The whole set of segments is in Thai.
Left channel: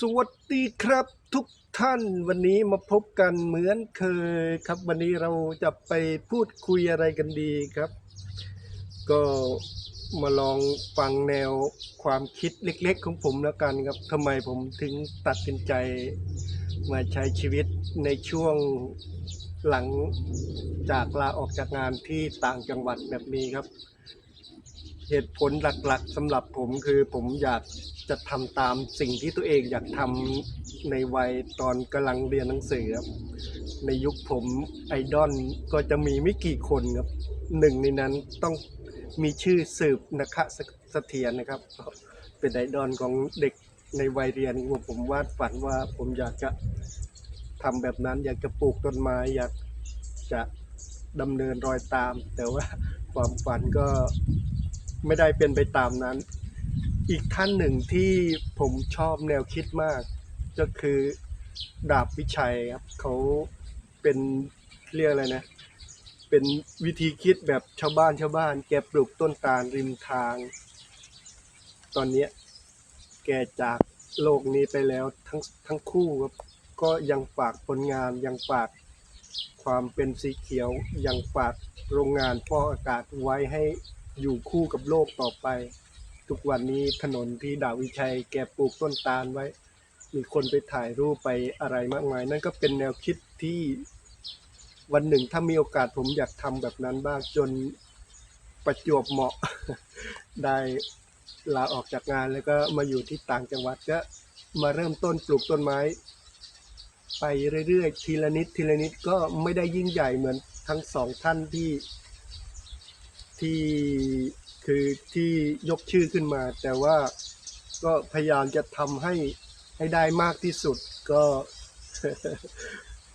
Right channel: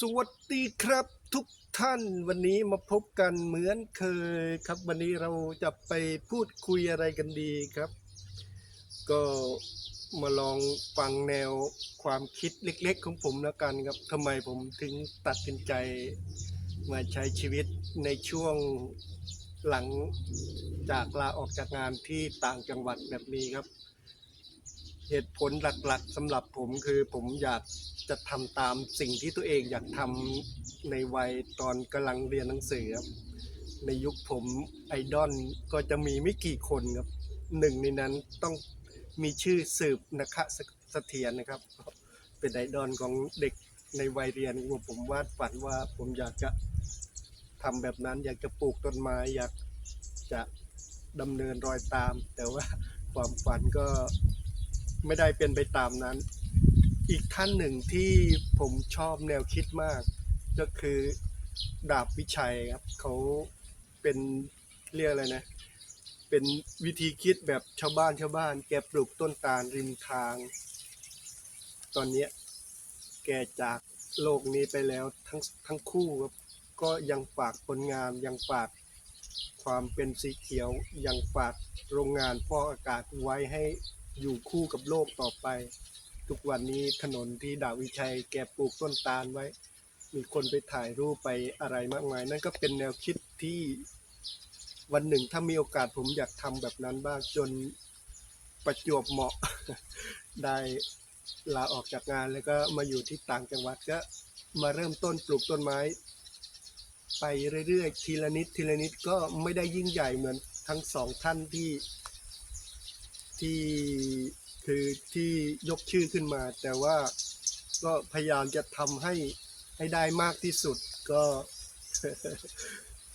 สวัสดีครับทุกท่านวันนี้มาพบกันเหมือนเคยครับ วันนี้เราจะไปพูดคุยอะไรกันดีครับ ก็มาลองฟังแนวความคิดเล็ก ๆ ของผมแล้วกันครับทำไมผมถึงตัดสินใจมาใช้ชีวิตในช่วงหลังจากลาออกจากงานที่ต่างจังหวัดแบบนี้ครับ เหตุผลหลักๆสำหรับผมคือผมอยากจะทำตามสิ่งที่ตัวเองอยากทำในวัยตอนกำลังเรียนหนังสือครับในยุคผมไอดอลก็จะมีไม่กี่คนครับหนึ่งในนั้นต้องมีชื่อสืบนะคะเสถียรนะครับ เป็นไอดอลของเด็กในวัยเรียนว่าผมวาดฝันว่าผมอยากจะทำแบบนั้น อยากจะปลูกต้นไม้อยากจะดำเนินรอยตาม แต่ว่าความฝันก็ ไม่ได้เป็นไปตามนั้น อีกท่านหนึ่งที่ผมชอบแนวคิดมาก ก็คือดาบวิชัยครับเขาเป็นเรียกอะไรนะ เป็นวิธีคิดแบบชาวบ้านชาวบ้าน แกปลูกต้นตาลริมทาง ตอนนี้แกจากโลกนี้ไปแล้วทั้งทั้งคู่ครับ ก็ยังฝากผลงานยังฝากความเป็นสีเขียวยังฝากโรงงานฟอกอากาศไว้ให้ อยู่คู่กับโลกต่อไป ทุกวันนี้ถนนที่ดาวิชัยแกปลูกต้นตาลไว้ มีคนไปถ่ายรูปไปอะไรมากมาย นั่นก็เป็นแนวคิดที่วันหนึ่งถ้ามีโอกาสผมอยากทำแบบนั้นบ้างจนประจวบเหมาะ ได้ลาออกจากงานแล้วก็มาอยู่ที่ต่างจังหวัดก็มาเริ่มต้นปลูกต้นไม้ ไปเรื่อยๆทีละนิดทีละนิดก็ไม่ได้ยิ่งใหญ่เหมือนทั้งสองท่านที่ ที่คือที่ยกชื่อขึ้นมา แต่ว่าก็พยายามจะทำให้ให้ได้มากที่สุดก็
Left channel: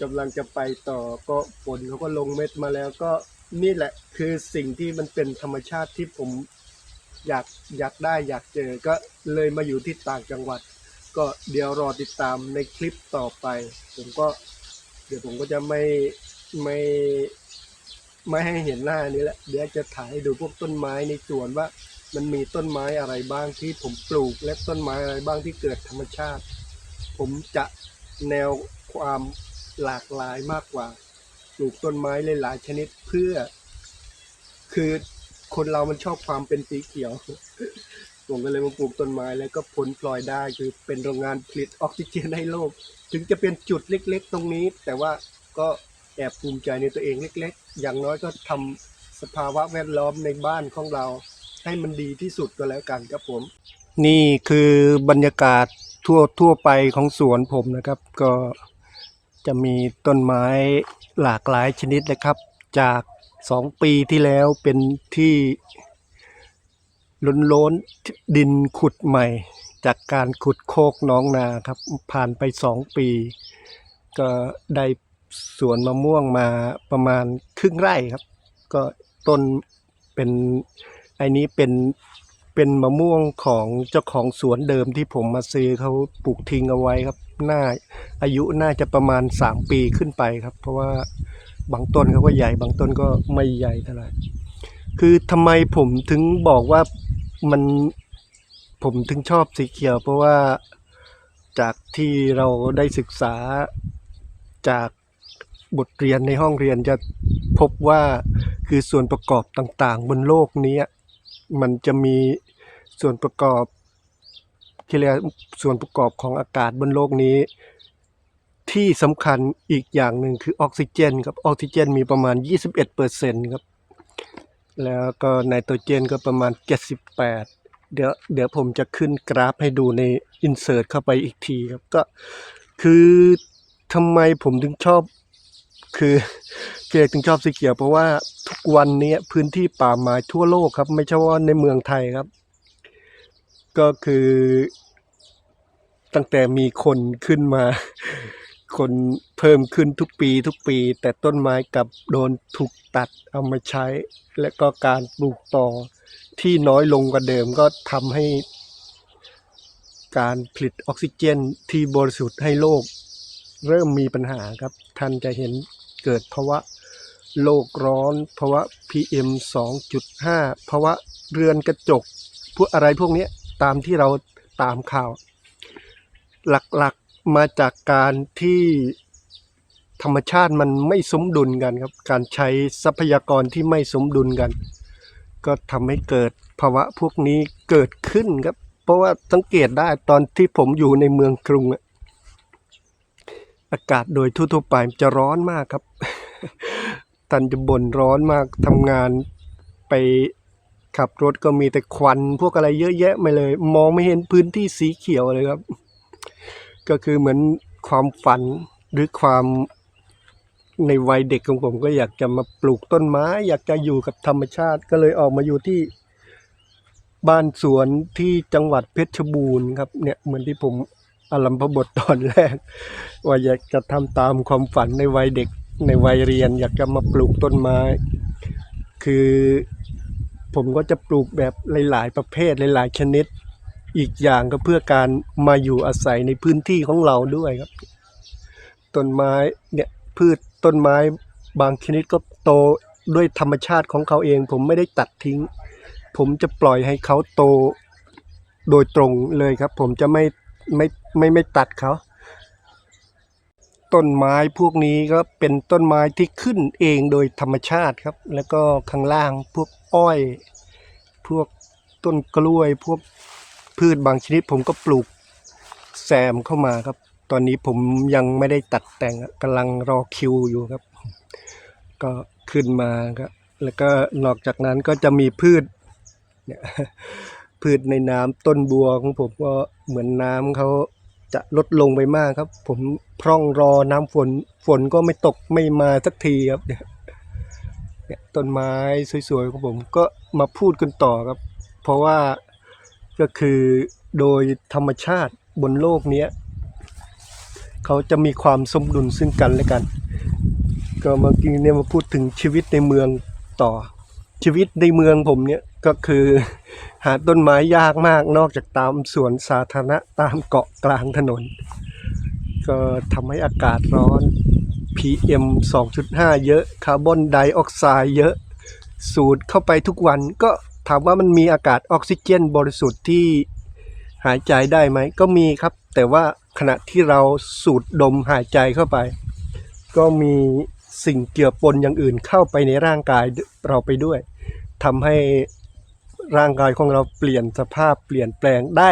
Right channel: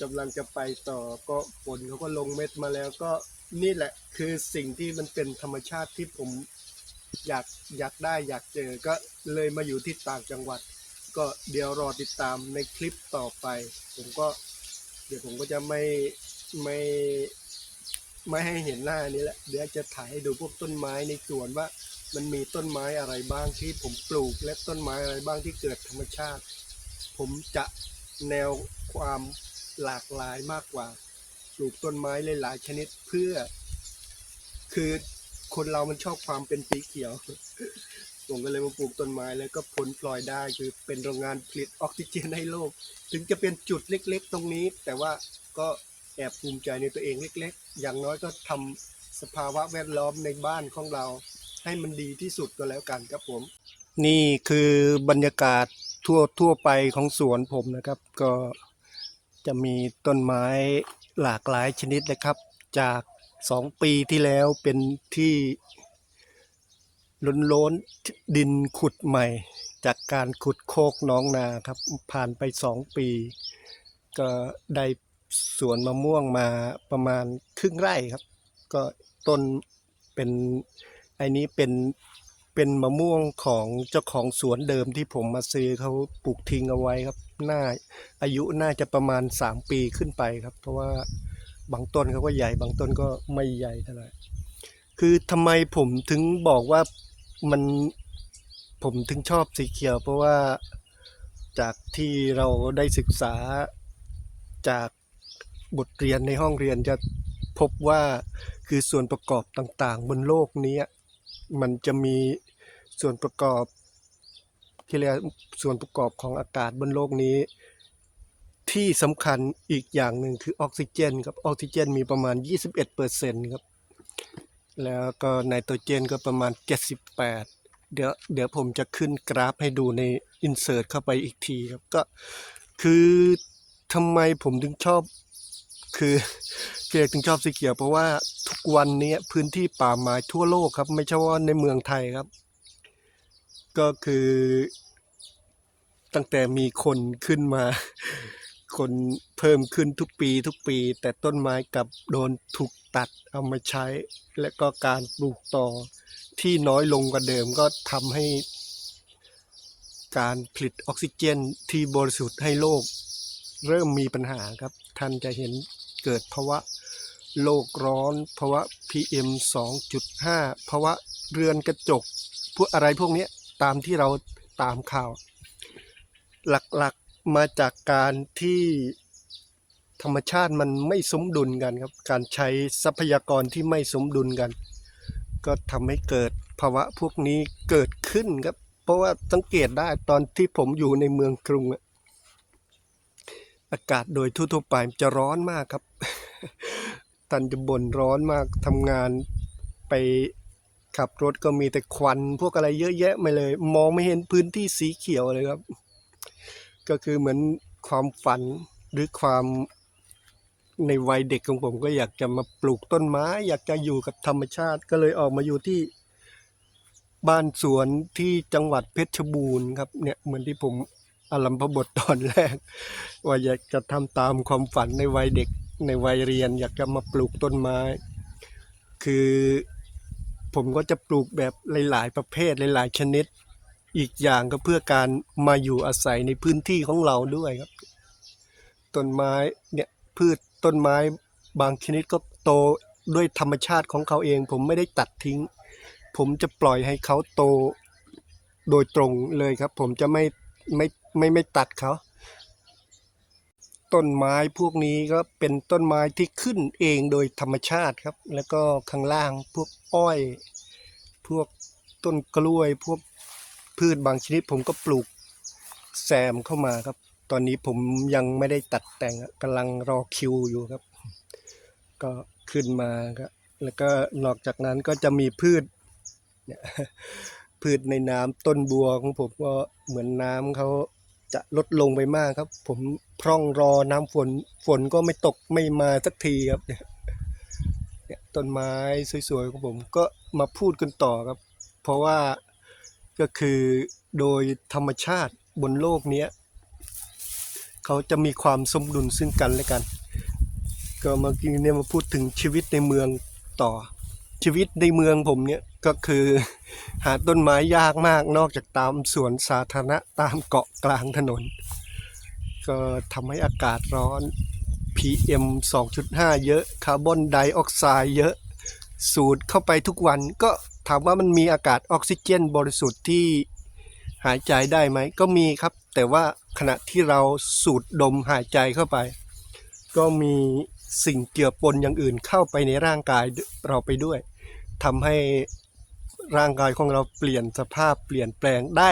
กำลังจะไปต่อก็ฝนเขาก็ลงเม็ดมาแล้วก็นี่แหละคือสิ่งที่มันเป็นธรรมชาติที่ผมอยากอยากได้อยากเจอก็เลยมาอยู่ที่ต่างจังหวัด ก็เดี๋ยวรอติดตามในคลิปต่อไป ผมก็ เดี๋ยวผมก็จะไม่ไม่ ไม่ให้เห็นหน้านี้แหละเดี๋ยวจะถ่ายให้ดูพวกต้นไม้ในสวนว่า มันมีต้นไม้อะไรบ้างที่ผมปลูก และต้นไม้อะไรบ้างที่เกิดธรรมชาติ ผมจะแนวความหลากหลายมากกว่า ปลูกต้นไม้หลายๆชนิดเพื่อ คือคนเรามันชอบความเป็นสีเขียวผมก็เลยมาปลูกต้นไม้แล้วก็ผลพลอยได้คือเป็นโรงงานผลิตออกซิเจนให้โลก ถึงจะเป็นจุดเล็ก ๆ ตรงนี้ แต่ว่าก็ แอบภูมิใจในตัวเองเล็ก ๆ อย่างน้อยก็ทำสภาวะแวดล้อมในบ้านของเรา ให้มันดีที่สุดก็แล้วกันครับผม นี่คือบรรยากาศทั่วทั่วไปของสวนผมนะครับ ก็จะมีต้นไม้หลากหลายชนิดเลยครับ จากสองปีที่แล้วเป็นที่ล้นล้นดินขุดใหม่ จากการขุดโคกน้องนาครับ ผ่านไปสองปี ก็ได้ สวนมะม่วงมาประมาณครึ่งไร่ครับ ก็ต้นเป็นไอ้นี้เป็นเป็นมะม่วงของเจ้าของสวนเดิมที่ผมมาซื้อเขาปลูกทิ้งเอาไว้ครับน่าอายุน่าจะประมาณสามปีขึ้นไปครับ เพราะว่าบางต้นเขาก็ใหญ่บางต้นก็ไม่ใหญ่เท่าไหร่คือทำไมผมถึงบอกว่ามันผมถึงชอบสีเขียว เพราะว่าจากที่เราได้ศึกษาจาก บทเรียนในห้องเรียนจะพบว่าคือส่วนประกอบต่างๆ บนโลกนี้มันจะมีส่วนประกอบที่เรียกส่วนประกอบของอากาศบนโลกนี้ ที่สำคัญอีกอย่างหนึ่งคือออกซิเจนครับออกซิเจนมีประมาณ 21เปอร์เซ็นต์ครับแล้วก็ไนโตรเจนก็ประมาณ 78 เดี๋ยวเดี๋ยวผมจะขึ้นกราฟให้ดูในอินเสิร์ตเข้าไปอีกทีครับก็คือทำไมผมถึงชอบ คือเจถึงชอบสีเขียวเพราะว่าทุกวันนี้พื้นที่ป่าไม้ทั่วโลกครับ ไม่ใช่ว่าในเมืองไทยครับ ก็คือ ตั้งแต่มีคนขึ้นมา คนเพิ่มขึ้นทุกปีทุกปี แต่ต้นไม้กับโดนถูกตัดเอามาใช้ และก็การปลูกต่อที่น้อยลงกว่าเดิมก็ทำให้ การผลิตออกซิเจนที่บริสุทธิ์ให้โลก เริ่มมีปัญหาครับ ท่านจะเห็น เกิดภาวะโลกร้อนภาวะ PM 2.5ภาวะเรือนกระจก พวกอะไรพวกนี้ตามที่เราตามข่าว หลักๆมาจากการที่ธรรมชาติมันไม่สมดุลกันครับ การใช้ทรัพยากรที่ไม่สมดุลกัน ก็ทำให้เกิดภาวะพวกนี้เกิดขึ้นครับ เพราะว่าสังเกตได้ตอนที่ผมอยู่ในเมืองกรุงอะ อากาศโดยทั่วๆไปมันจะร้อนมากครับท่านจะบ่นร้อนมากทำงานไปขับรถก็มีแต่ควันพวกอะไรเยอะแยะมาเลย มองไม่เห็นพื้นที่สีเขียวเลยครับ ก็คือเหมือนความฝันหรือความในวัยเด็กของผมก็อยากจะมาปลูกต้นไม้ อยากจะอยู่กับธรรมชาติก็เลยออกมาอยู่ที่ บ้านสวนที่จังหวัดเพชรบูรณ์ครับเนี่ยเหมือนที่ผม อารัมพบทตอนแรก ว่าอยากจะทำตามความฝันในวัยเด็กในวัยเรียน อยากจะมาปลูกต้นไม้ คือผมก็จะปลูกแบบหลาย ๆ ประเภทหลาย ๆ ชนิด อีกอย่างก็เพื่อการมาอยู่อาศัยในพื้นที่ของเราด้วยครับ ต้นไม้เนี่ยพืชต้นไม้บางชนิดก็โตด้วยธรรมชาติของเขาเอง ผมไม่ได้ตัดทิ้ง ผมจะปล่อยให้เขาโตโดยตรงเลยครับ ผมจะไม่ ไม่ไม่ไม่ตัดเขา ต้นไม้พวกนี้ก็เป็นต้นไม้ที่ขึ้นเองโดยธรรมชาติครับ แล้วก็ข้างล่างพวกอ้อย พวกต้นกล้วย พวกพืชบางชนิดผมก็ปลูกแซมเข้ามาครับ ตอนนี้ผมยังไม่ได้ตัดแต่งกำลังรอคิวอยู่ครับ ก็ขึ้นมาครับแล้วก็นอกจากนั้นก็จะมีพืชเนี่ย พืชในน้ำต้นบัวของผมก็เหมือนน้ำเขาจะลดลงไปมากครับ ผมพร่องรอน้ำฝนฝนก็ไม่ตกไม่มาสักทีครับเนี่ยต้นไม้สวยๆของผมก็มาพูดกันต่อครับ เพราะว่าก็คือโดยธรรมชาติบนโลกเนี้ยเขาจะมีความสมดุลซึ่งกันและกัน ก็เมื่อกี้เนี่ยมาพูดถึงชีวิตในเมืองต่อ ชีวิตในเมืองผมเนี่ยก็คือ หาต้นไม้ยากมากนอกจากตามสวนสาธารณะตามเกาะกลางถนน ก็ทำให้อากาศร้อน PM 2.5 เยอะคาร์บอนไดออกไซด์เยอะ สูดเข้าไปทุกวันก็ถามว่ามันมีอากาศออกซิเจนบริสุทธิ์ที่หายใจได้ไหมก็มีครับ แต่ว่าขณะที่เราสูดดมหายใจเข้าไป ก็มีสิ่งเจือปนอย่างอื่นเข้าไปในร่างกายเราไปด้วยทำให้ ร่างกายของเราเปลี่ยนสภาพเปลี่ยนแปลงได้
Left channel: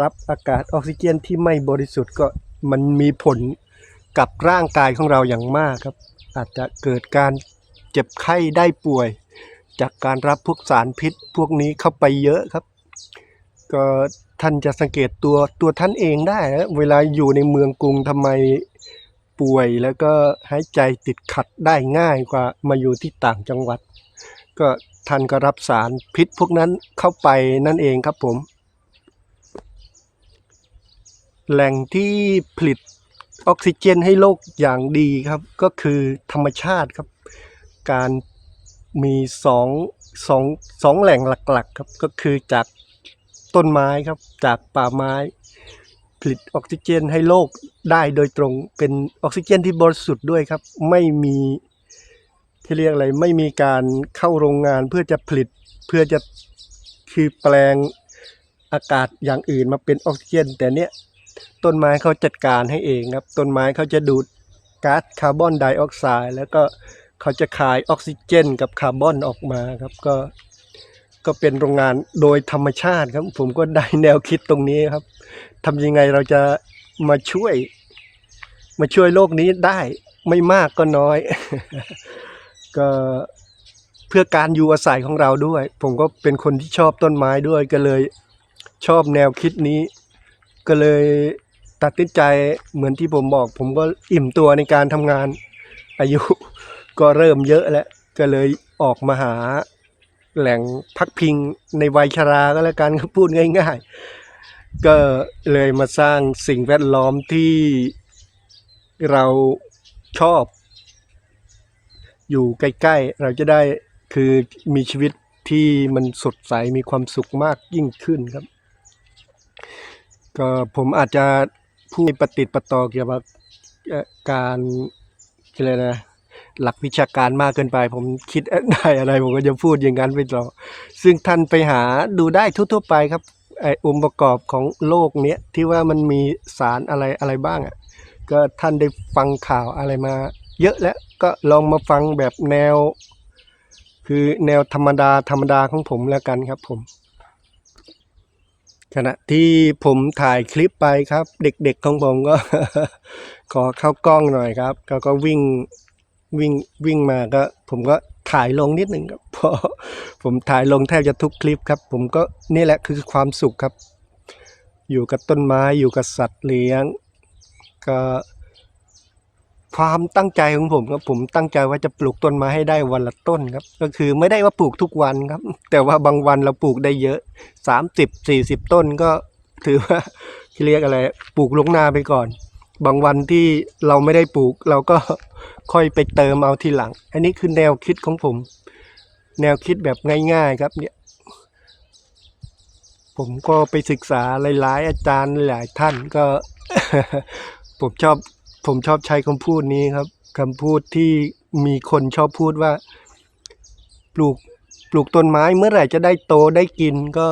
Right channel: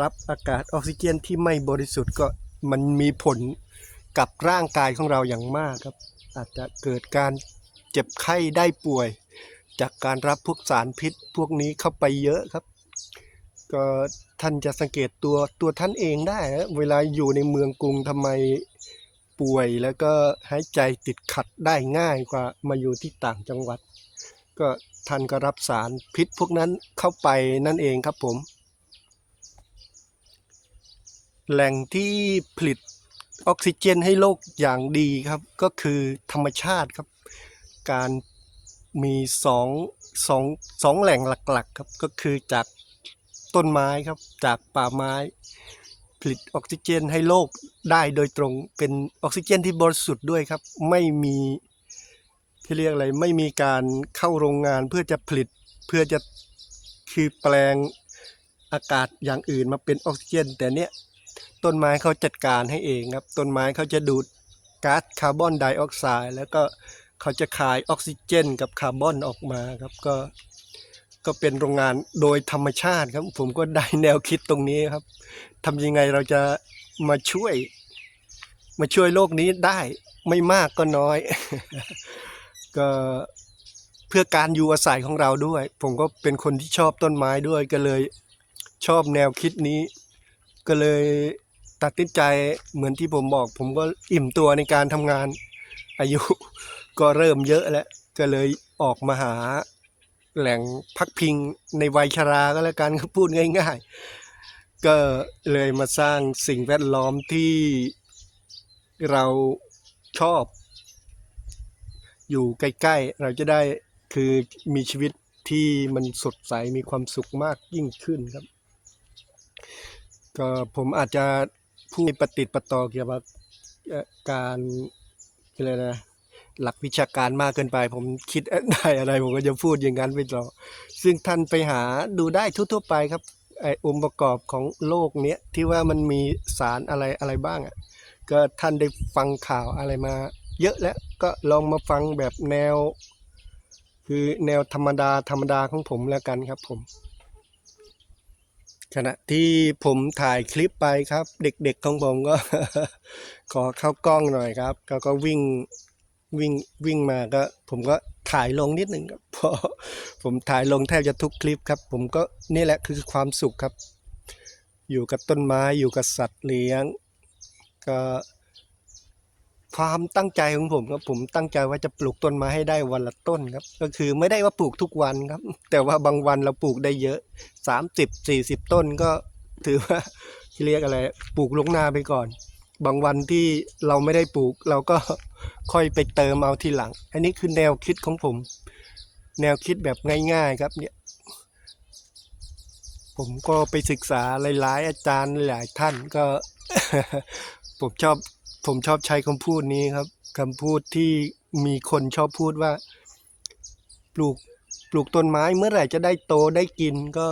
รับอากาศออกซิเจนที่ไม่บริสุทธิ์ก็มันมีผลกับร่างกายของเราอย่างมากครับ อาจจะเกิดการเจ็บไข้ได้ป่วย จากการรับพวกสารพิษพวกนี้เข้าไปเยอะครับ ก็ท่านจะสังเกตตัวตัวท่านเองได้ เวลาอยู่ในเมืองกรุงทำไมป่วยแล้วก็หายใจติดขัดได้ง่ายกว่ามาอยู่ที่ต่างจังหวัด ก็ ท่านก็รับสารพิษพวกนั้นเข้าไปนั่นเองครับผม แหล่งที่ผลิตออกซิเจนให้โลกอย่างดีครับ ก็คือธรรมชาติครับ การมีสองสองสองแหล่งหลักๆครับก็คือจากต้นไม้ครับจากป่าไม้ ผลิตออกซิเจนให้โลกได้โดยตรงเป็นออกซิเจนที่บริสุทธิ์ด้วยครับ ไม่มี ที่เรียกอะไรไม่มีการเข้าโรงงานเพื่อจะผลิตเพื่อจะคือแปลงอากาศอย่างอื่นมาเป็นออกซิเจน แต่เนี้ยต้นไม้เขาจัดการให้เองครับ ต้นไม้เขาจะดูดก๊าซคาร์บอนไดออกไซด์แล้วก็เขาจะคายออกซิเจน กับคาร์บอนออกมาครับก็ก็เป็นโรงงานโดยธรรมชาติครับ ผมก็ได้แนวคิดตรงนี้ครับทำยังไงเราจะมาช่วย มาช่วยโลกนี้ได้ไม่มากก็น้อย ก็เพื่อการอยู่อาศัยของเราด้วย ผมก็เป็นคนที่ชอบต้นไม้ด้วยก็เลยชอบแนวคิดนี้ ก็เลยตัดสินใจเหมือนที่ผมบอก ผมก็อิ่มตัวในการทำงาน อายุก็เริ่มเยอะแล้วก็เลยออกมาหาแหล่งพักพิงในวัยชราก็แล้วกันพูดง่าย ๆ ก็เลยมาสร้างสิ่งแวดล้อมที่เราชอบ อยู่ใกล้ๆ เราจะได้คือมีชีวิตที่มันสดใสมีความสุขมากยิ่งขึ้นครับ ก็ผมอาจจะพูดปฏิดประต่อเกี่ยวกับการอะไรนะหลักวิชาการมากเกินไป ผมคิดได้อะไรผมก็จะพูดอย่างนั้นไปต่อซึ่งท่านไปหาดูได้ทั่วๆไปครับไอองค์ประกอบของโลกเนี้ยที่ว่ามันมีสารอะไรอะไรบ้างอะก็ท่านได้ฟังข่าวอะไรมา เยอะแล้วก็ลองมาฟังแบบแนว คือแนวธรรมดาธรรมดาของผมแล้วกันครับผมขณะที่ผมถ่ายคลิปไปครับ เด็กๆของผมก็ ขอเข้ากล้องหน่อยครับก็ก็วิ่งวิ่งวิ่งมาก็ ผมก็ถ่ายลงนิดหนึ่งครับเพราะผมถ่ายลงแทบจะทุกคลิปครับ ผมก็นี่แหละคือความสุขครับ อยู่กับต้นไม้อยู่กับสัตว์เลี้ยง ก็ ความตั้งใจของผมครับผมตั้งใจว่าจะปลูกต้นไม้ให้ได้วันละต้นครับ ก็คือไม่ได้ว่าปลูกทุกวันครับ แต่ว่าบางวันเราปลูกได้เยอะสามสิบสี่สิบต้นก็ถือว่าเรียกอะไรปลูกลงนาไปก่อน บางวันที่เราไม่ได้ปลูก เราก็ค่อยไปเติมเอาทีหลัง อันนี้คือแนวคิดของผม แนวคิดแบบง่าย ๆครับเนี่ยผมก็ไปศึกษาหลายๆ อาจารย์หลายท่านก็ ผมชอบ ผมชอบใช้คำพูดนี้ครับคำพูดที่มีคนชอบพูดว่า ปลูกปลูกต้นไม้เมื่อไหร่จะได้โตได้กินก็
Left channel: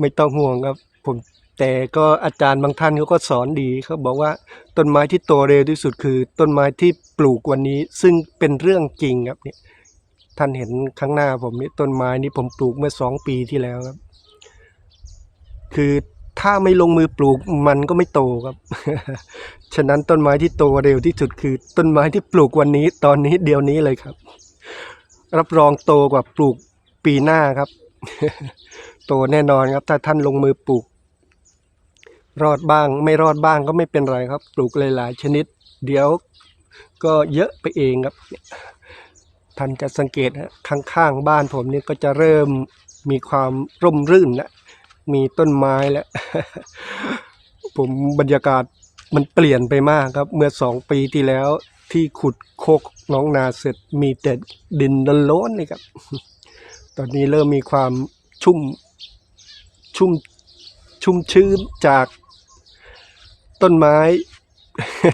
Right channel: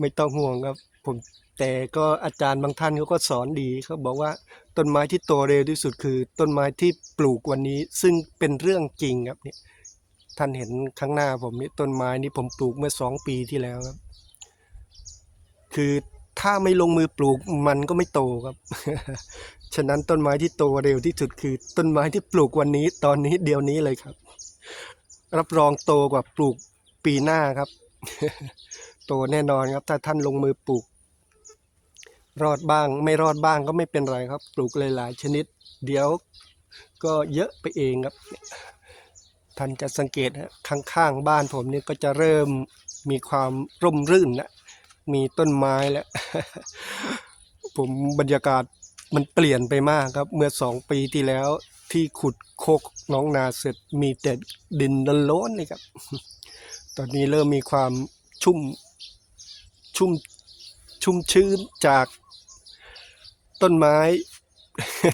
ไม่ต้องห่วงครับ ผมแต่ก็อาจารย์บางท่านเขาก็สอนดีเขาบอกว่าต้นไม้ที่โตเร็วที่สุดคือ ต้นไม้ที่ปลูกวันนี้ ซึ่งเป็นเรื่องจริงครับเนี่ยท่านเห็นข้างหน้าผมนี่ต้นไม้นี้ผมปลูกเมื่อสองปีที่แล้วครับ คือ ถ้าไม่ลงมือปลูกมันก็ไม่โตครับ ฉะนั้นต้นไม้ที่โตเร็วที่สุดคือ ต้นไม้ที่ปลูกวันนี้ตอนนี้เดี๋ยวนี้เลยครับ รับรองโตกว่าปลูกปีหน้าครับ โตแน่นอนครับ ถ้าท่านลงมือปลูก รอดบ้าง ไม่รอดบ้างก็ไม่เป็นไรครับ ปลูกหลายๆชนิด เดี๋ยวก็เยอะไปเองครับ ท่านจะสังเกตนะข้างๆบ้านผมนี่ก็จะเริ่มมีความร่มรื่นแล้ว มีต้นไม้แล้ว ผมบรรยากาศมันเปลี่ยนไปมากครับ เมื่อสองปีที่แล้วที่ขุดโคกน้องนาเสร็จมีแต่ดินโล้นๆนี่ครับ ตอนนี้เริ่มมีความชุ่มชุ่มชุ่มชื้นจากต้นไม้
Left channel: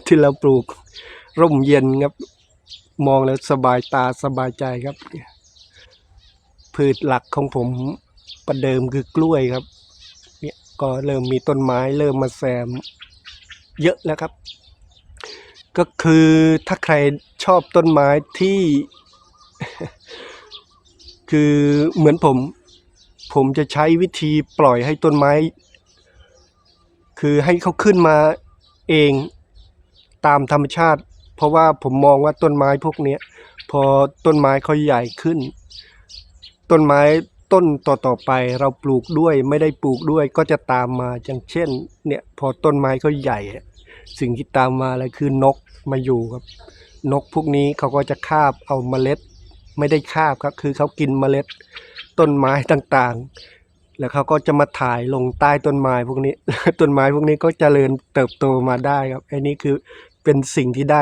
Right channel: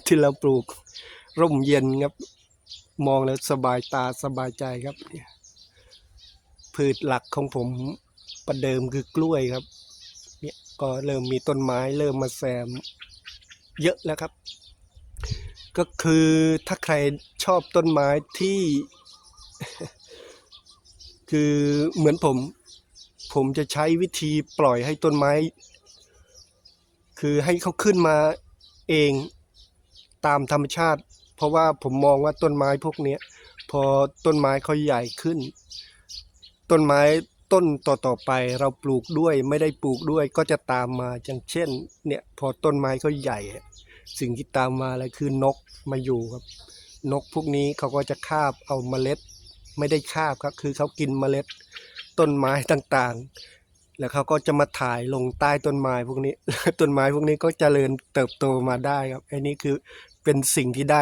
ที่เราปลูกร่มเย็นครับ มองแล้วสบายตาสบายใจครับ พืชหลักของผมประเดิมคือกล้วยครับ ก็เริ่มมีต้นไม้เริ่มมาแซมเยอะแล้วครับ ก็คือถ้าใครชอบต้นไม้ที่ คือเหมือนผม ผมจะใช้วิธีปล่อยให้ต้นไม้ คือให้เขาขึ้นมาเองตามธรรมชาติ เพราะว่าผมมองว่าต้นไม้พวกนี้พอต้นไม้เขาใหญ่ขึ้น ต้นไม้ ต้นต่อๆไปเราปลูกด้วยไม่ได้ปลูกด้วยก็จะตามมาอย่างเช่น เนี่ยพอต้นไม้เขาใหญ่ สิ่งที่ตามมาเลยคือนกมาอยู่ครับ นกพวกนี้เขาก็จะคาบเอาเมล็ด ไม่ได้คาบครับคือเขากินเมล็ด ต้นไม้ต่างๆ แล้วเขาก็จะมาถ่ายลงใต้ต้นไม้พวกนี้ต้นไม้พวกนี้ก็เจริญเติบโตมาได้ครับอันนี้คือเป็นสิ่งที่ได้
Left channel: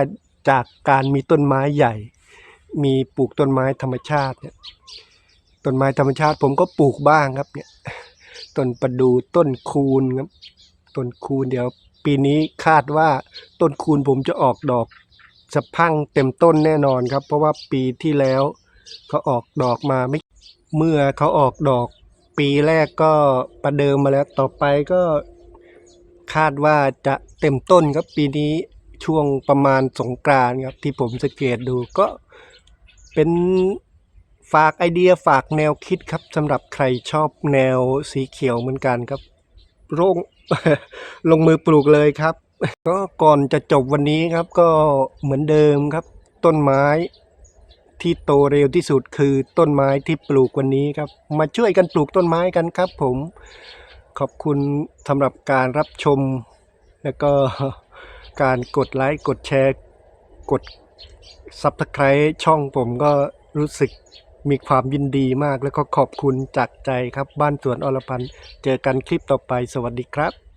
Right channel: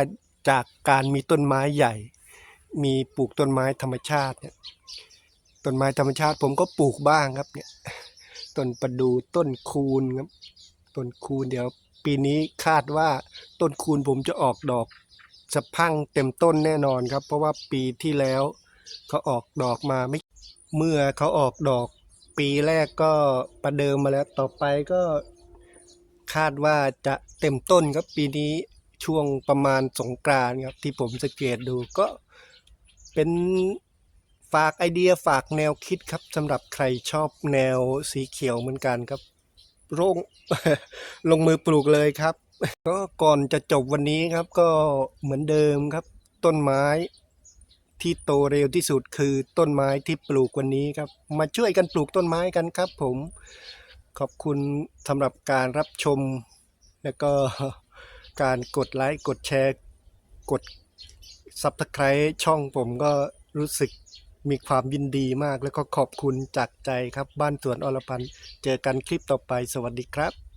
จากการมีต้นไม้ใหญ่ มีปลูกต้นไม้ธรรมชาติเนี่ย ต้นไม้ธรรมชาติผมก็ปลูกบ้างครับ เนี่ยต้นประดูต้นคูนครับต้นคูนเดี๋ยว ปีนี้คาดว่าต้นคูนผมจะออกดอกสะพังเต็มต้นแน่นอนครับ เพราะว่าปีที่แล้วเขาออกดอกมาไม่เมื่อเขาออกดอก ปีแรกก็ประเดิมมาแล้วต่อไปก็คาดว่าจะเต็มต้นครับปีนี้ช่วงประมาณสงกรานต์ครับที่ผมสังเกตดูก็เป็น ฝากไอเดียฝากแนวคิดครับสำหรับใครชอบแนวสีเขียวเหมือนกันครับลงลงมือปลูกเลยครับ ก็ก่อนจะจบวันนี้ครับก็เหมือนเดิมครับ ต้นไม้ที่โตเร็วที่สุดคือต้นไม้ที่ปลูกวันนี้ครับ มาช่วยกันปลูกต้นไม้กันครับผม ขอบคุณสำหรับการรับชม แล้วก็การกดไลค์กดแชร์ กดซับสไครต์ช่องผมก็รู้สึก มีความยินดีมากแล้วก็ขอบคุณจากใจครับบ้านสวนอรพันธ์เจอกันคลิปต่อไปสวัสดีครับ